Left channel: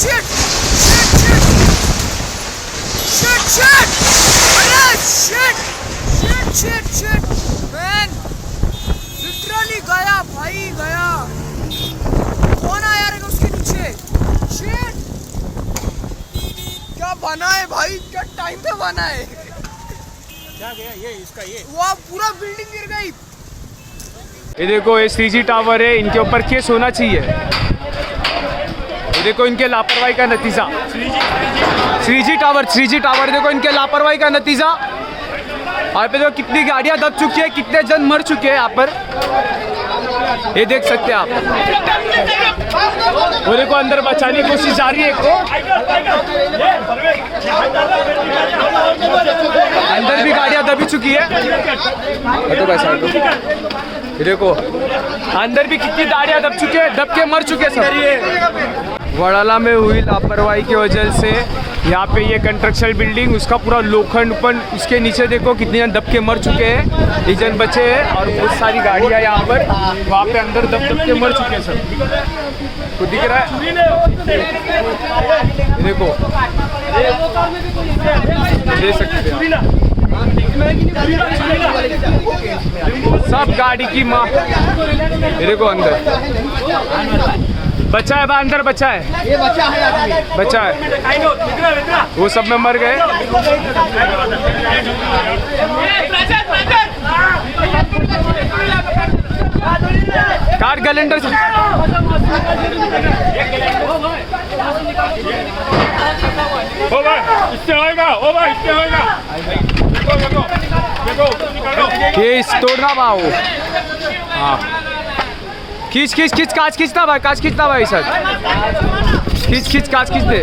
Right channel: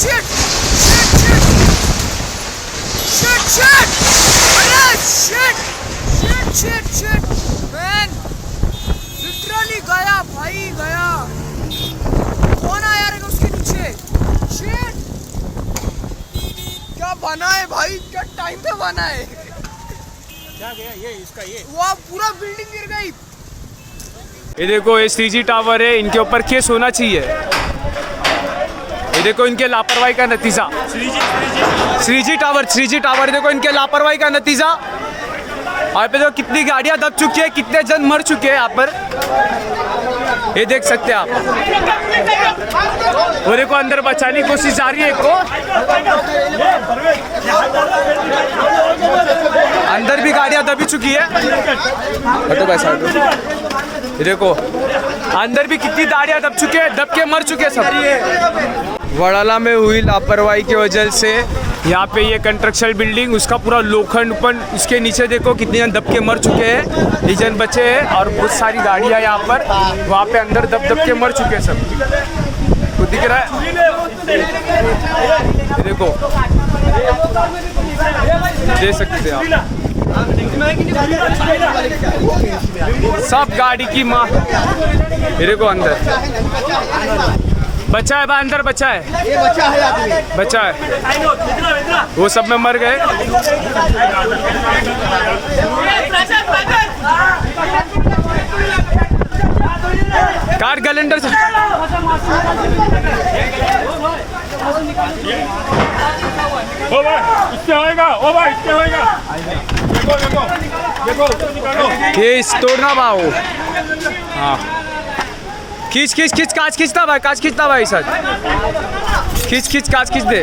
shit shit shit shit अरे shit shit shit shit man literally गया भाई गया कौन आया रे उसके नीचे शिट क्या बना है भाई क्या टाइम पे बना है क्या गया ये इसका ये वाह पूरा बिल्डिंग गिर गई ये देखो ये 3G टावर है इनके ऊपर केस होना चाहिए ये देखो इनके लापरवाही का नतीजा 3G टावर देखो इनके लापरवाही का नतीजा यहाँ पे देखो कितनी गाड़ियां दब चुकी है कितने जन मर चुके हैं यहाँ पर ये देख सकते हैं आप वो देखो अंदर बचाने की कोशिश जा रही है एक को अंदर भी गाड़ियां दबी चुकी है हटो भाई साइड ये देखो अंदर भी कितनी गाड़ियां दब चुके हैं दब के मर चुके हैं सब वडाला में हुई लापरवाही की वजह से यहाँ पे ये कंस्ट्रक्शन बिल्डिंग उसका पूरा लोखंडपन उसके नीचे देखो कितने जन दब के मर चुके हैं 2 जन बचे हैं और बहुत सारी गाड़ियाँ यहाँ पर वहाँ पे अंदर दब के मर चुके हैं सब तो दिख रहा है ये देखो दे सकते हैं आप सब गाड़ी की माँ ये देखो अंदर बच्चा है भाई अंदर बच्चा है ये बच्चा है आदमी बच्चा है वो सब में मर गए कार कैलेंडर से ओ भाई इससे होएगा ओ भाई इससे होएगा देखो देखो देखो केस तोड़ना भाव हाँ खींच खींच खींच कांच खींचता भाई सर खींच कांच खींच दे